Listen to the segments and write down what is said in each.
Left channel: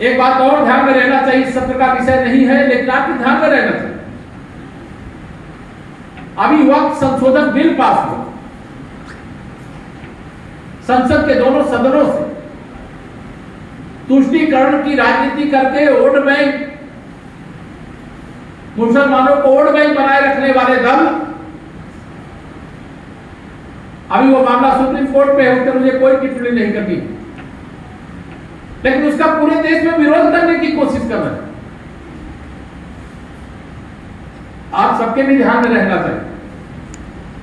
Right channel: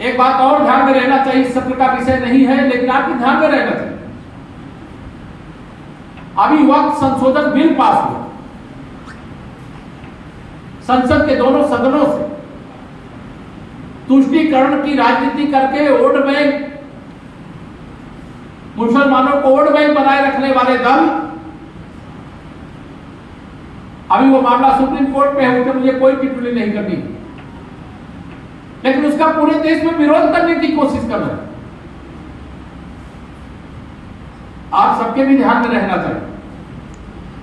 एक बात और ध्यान में रहना चाहिए, इस सत्र का विषय नहीं है लेकिन आपके ध्यान में रहना चाहिए, अभी वक्त संशोधन बिल पास हुआ संसद के दोनों सदनों से। तुष्टीकरण की राजनीति करके वोट बैंक, मुसलमानों को वोट बैंक बनाए रखने वाले दल, अभी वो मामला सुप्रीम कोर्ट पे है, उस पर मुझे कोई टिप्पणी नहीं करनी, लेकिन उसका पूरे देश में विरोध करने की कोशिश कर रहे हैं। आप सबके भी ध्यान में रहना चाहिए,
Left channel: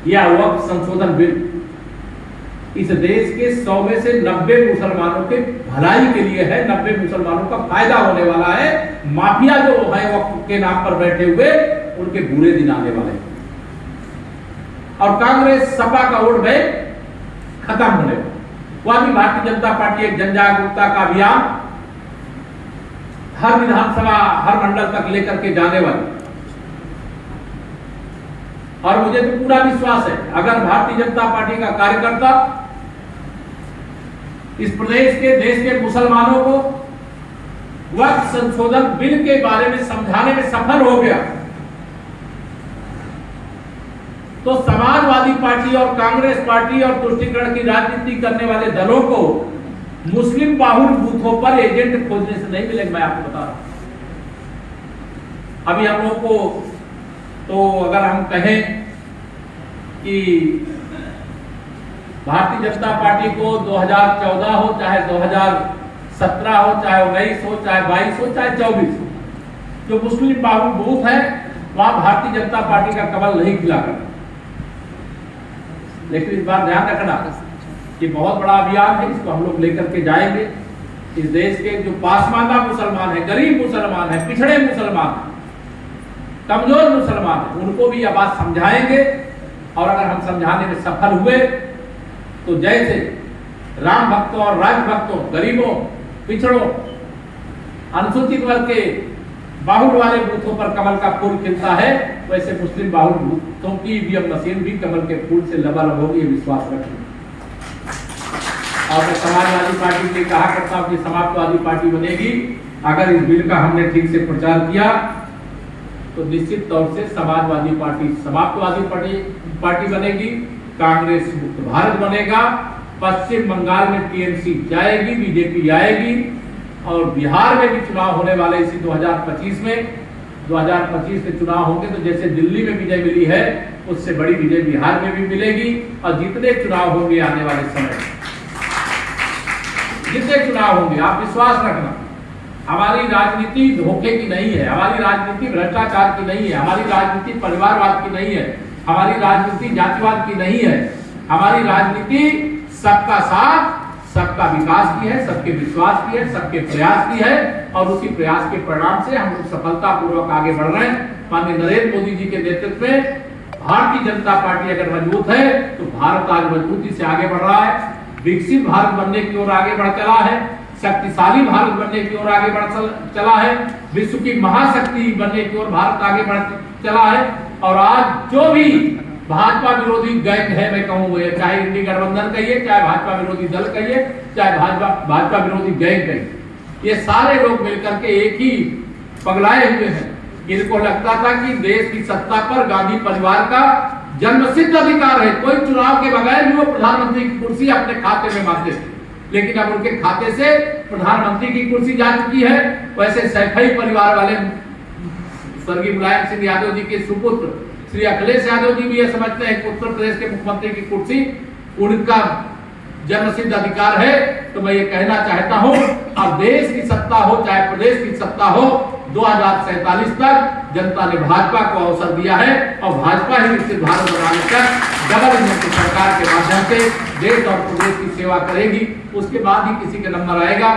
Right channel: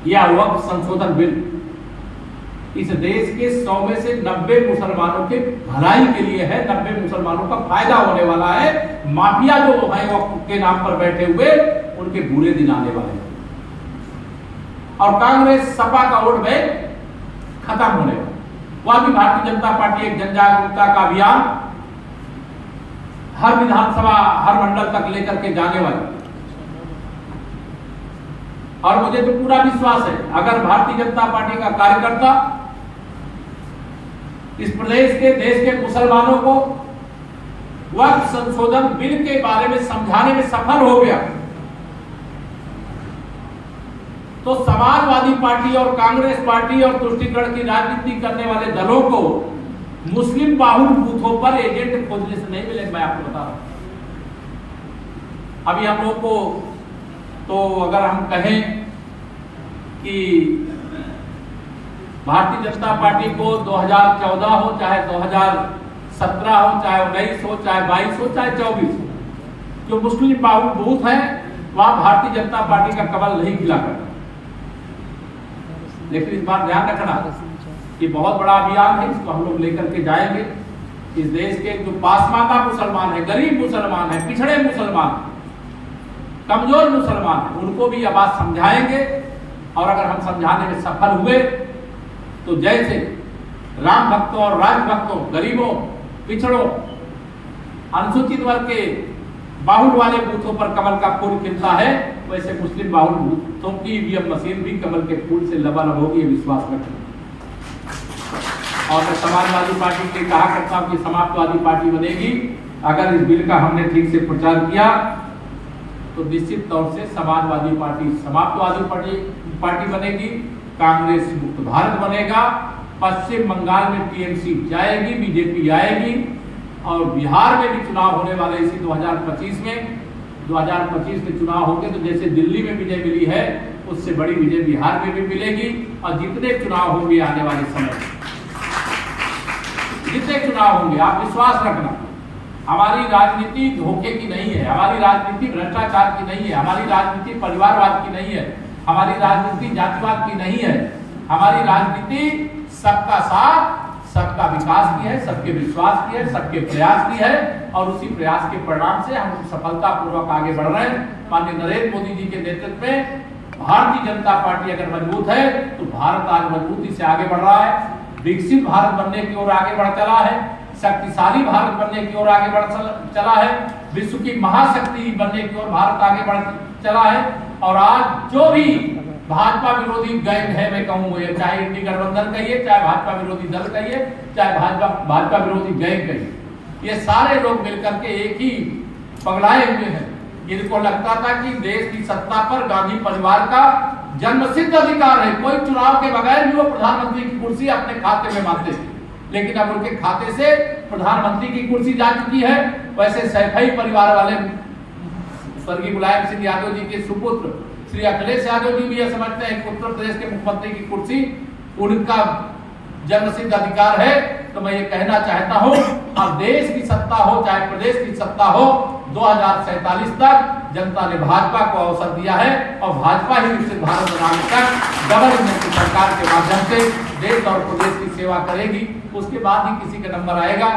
यह वक्त संशोधन बिल इस देश के 100 में से 90 मुसलमानों के भलाई के लिए है, 90 मुसलमानों का फायदा होने वाला है। माफिया जो है वक्त के नाम पर बैठे हुए, उनके बुरे दिन आने वाले हैं और कांग्रेस सपा का वोट बैंक खत्म होने वाला। वह भी भारतीय जनता पार्टी एक जन जागरूकता का अभियान हर विधानसभा, हर मंडल तक लेकर के जाने वाली, और मुझे तो पूरा विश्वास है अगर भारतीय जनता पार्टी का कार्यकर्ता इस प्रदेश के, देश के मुसलमानों को वक्त संशोधन बिल के बारे में समझाने में सफल हो गया, तो समाजवादी पार्टी और कांग्रेस पार्टी और तुष्टीकरण की राजनीति करने वाले दलों को मुस्लिम बाहुल बूथों पर एजेंट खोजने से नहीं मिलेगा। मैं आपको बता रहा हूं, अभी हम लोग को तो अगर हम कहें कि भारतीय जनता पार्टी को 2014 हो, चाहे 2017 हो, चाहे 19 हो, चाहे 22 हो, चाहे 24 हो, जो मुस्लिम बाहुल बूथ है वहां भारतीय जनता पार्टी का कमल नहीं खिला कर। लेकिन इस बार ध्यान रखना, ये बहुत बड़ा अभियान है, इसको हम लोग लेकर के जाएंगे। इस देश के जो पासमानदा मुसलमान है, गरीब मुसलमान है, पिछड़े मुसलमान है, कमजोर मुसलमान है, उनको भी यह बात समझाएंगे। और अगर हम समझाने में सफल हुए तो जैसे राम भक्तों और राज भक्तों, गरीबों, पिछड़ों, अनुसूचित वर्ग के बाहुल वाले बूथों पर कमल का फूल खिलता है, वैसे मुस्लिम बाहुल बूथों की ईवीएम मशीन भी कमल के फूल से लबालब होगी, विश्वास रखें। और समाजवादी पार्टी के कहा करता हूं कि समाजवादी पार्टी बनेगी अगर इस बिल का हमने ठीक से प्रचार किया तो निश्चित तौर से समाजवादी पार्टी समाजवादी पार्टी बनेगी, कांग्रेस मुक्त भारत बनेगा, पश्चिम बंगाल में टीएमसी जाएगी, बीजेपी आएगी, और बिहार में भी चुनाव होने वाले इसी 2025 में। 2025 के चुनाव होंगे तो जैसे दिल्ली में विजय मिली है, उससे बड़ी विजय बिहार में भी मिलेगी। और जितने चुनाव होंगे आने वाले समय, जितने चुनाव होंगे, आप विश्वास रखना, हमारी राजनीति धोखे की नहीं है, हमारी राजनीति भ्रष्टाचार की नहीं है, हमारी राजनीति परिवारवाद की नहीं है, हमारी राजनीति जातिवाद की नहीं है, हमारी राजनीति सबका साथ, सबका विकास की है, सबके विश्वास की है, सबके प्रयास की है। और उसी प्रयास के परिणाम से हम लोग सफलतापूर्वक आगे बढ़ रहे हैं। माननीय नरेंद्र मोदी जी के नेतृत्व में भारतीय जनता पार्टी अगर मजबूत है तो भारत आज मजबूती से आगे बढ़ रहा है, विकसित भारत बनने की ओर आगे बढ़ चला है, शक्तिशाली भारत बनने की ओर आगे बढ़ चला है, विश्व की महाशक्ति बनने की ओर भारत आगे बढ़ चला है। और आज जो भी भाजपा विरोधी गैंग है, मैं कहूंगा, चाहे इंडी गठबंधन कहिए, चाहे भाजपा विरोधी दल कहिए, चाहे भाजपा विरोधी गैंग कहिए, ये सारे लोग मिलकर के एक ही पगलाए हुए हैं। इनको लगता था कि देश की सत्ता पर गांधी परिवार का जन्मसिद्ध अधिकार है, कोई चुनाव के बगैर भी वो प्रधानमंत्री की कुर्सी अपने खाते में बांधते थे, लेकिन अब उनके खाते से प्रधानमंत्री की कुर्सी जा चुकी है। वैसे सैफई परिवार वाले स्वर्गीय मुलायम सिंह यादव जी के सुपुत्र श्री अखिलेश यादव जी भी यह समझते हैं कि उत्तर प्रदेश के मुख्यमंत्री की कुर्सी उनका जन्मसिद्ध अधिकार है। तो मैं ये कहना चाहता हूं, अब देश की सत्ता हो चाहे प्रदेश की सत्ता हो, 2047 तक जनता ने भाजपा को अवसर दिया है और भाजपा ही विकसित भारत बनाने तक डबल इंजन की सरकार के माध्यम से देश और प्रदेश की सेवा करेगी। उसके बाद ही किसी का नंबर आएगा।